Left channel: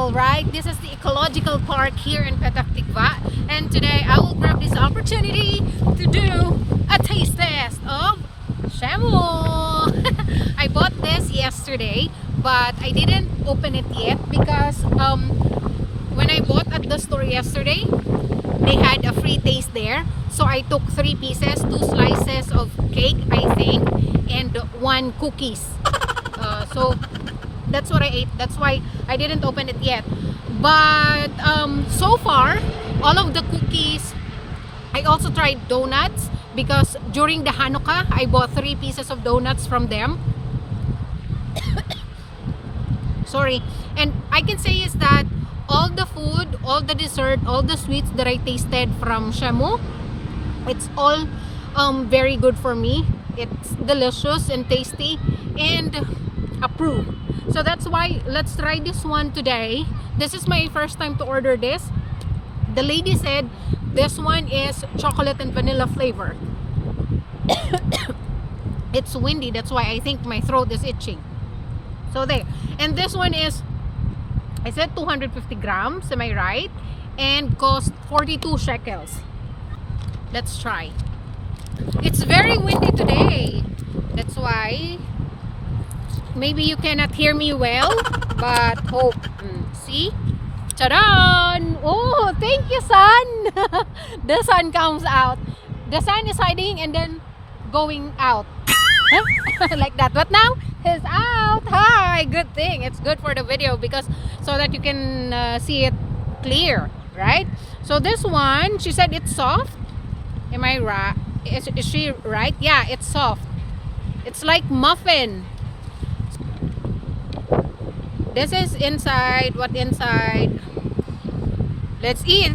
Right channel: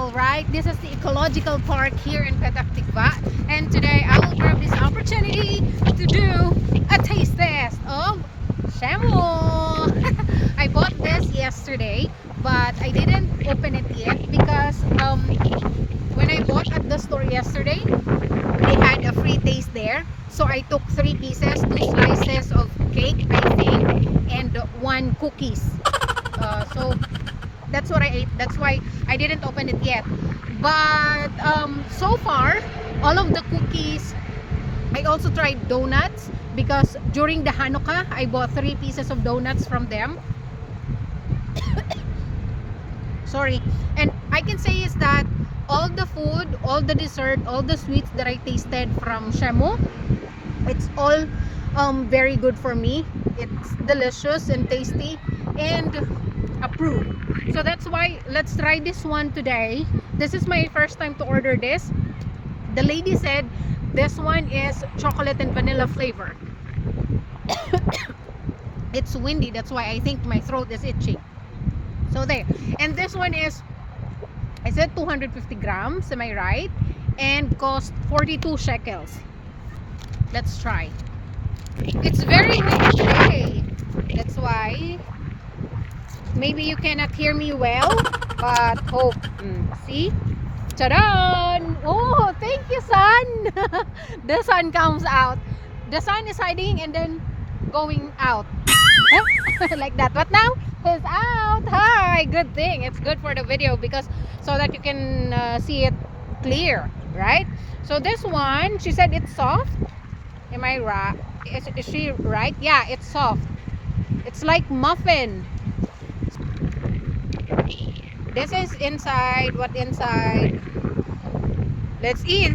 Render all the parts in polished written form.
All right, this is the ecological park here in Petah Tikva, and today I will grab this opportunity to do a taste test of shamu. I bought this yesterday, but I didn't open it yet because when I bought at the store yesterday, they had a free taste there. So I took 3 pieces, 2 slices of cake, I think, and 1 cookies. So that's what I ate. That's why I didn't open it yet. But so far, all of the cookies, I also tried donuts because during the Hanukkah, I bought 3 pieces of donuts from them. Sorry. And I can say is that all the food, all the dessert, all the sweets that I tasted from Shamu, it's all very good for me. It's delicious and tasty and approved. So that's why let's try this one today. This is my first time to order this. The lady said this one is chocolate and vanilla flavor. It's windy, that's why I think my throat is itching. So there. And this one is, I said 250 grams, am I right? And cost 42 shekels. Let's try. It's very windy today. That's why maybe you cannot hear me well, but hope. See? Charan! Oh, thank you, sun! The sun comes out. The sun is hiding and then going out. Like that. But now, he's out. Hi! Good thing. It's good for the video because so that you can see it clear, right? So this one, she said it's soft. Am I right? Is she right? Yeah, it's soft. It's like muffin. This is inside. What inside? Let's eat.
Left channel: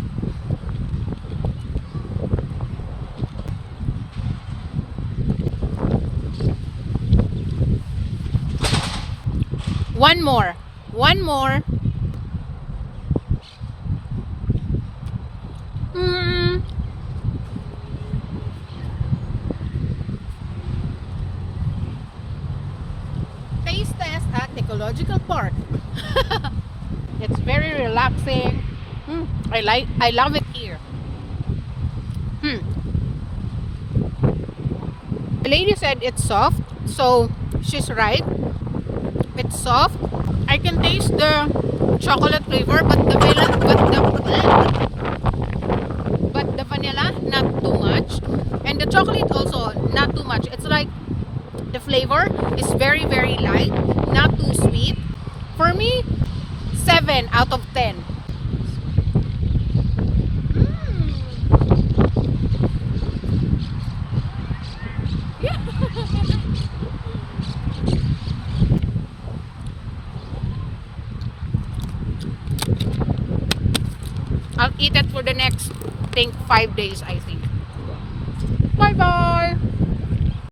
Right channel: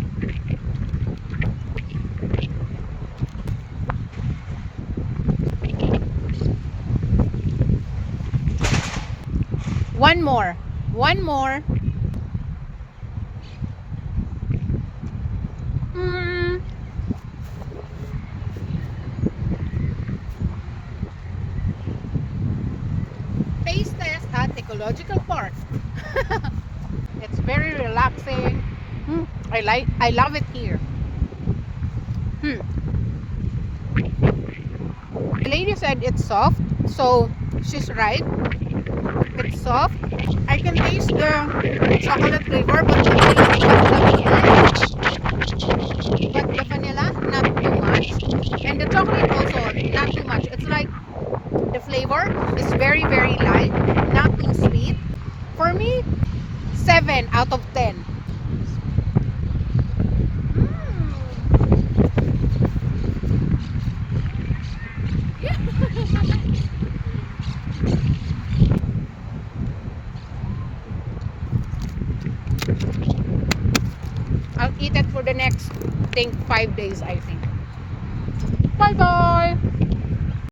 One more. One more. Taste test at Ecological Park. It's very relaxing. I love it here. The lady said it's soft, so she's right. It's soft. I can taste the chocolate flavor, but the vanilla not too much, and the chocolate also not too much. It's like the flavor is very light, not too sweet. For me, 7 out of 10. Yeah. I'll eat it for the next, I think, 5 days, I think. Bye bye.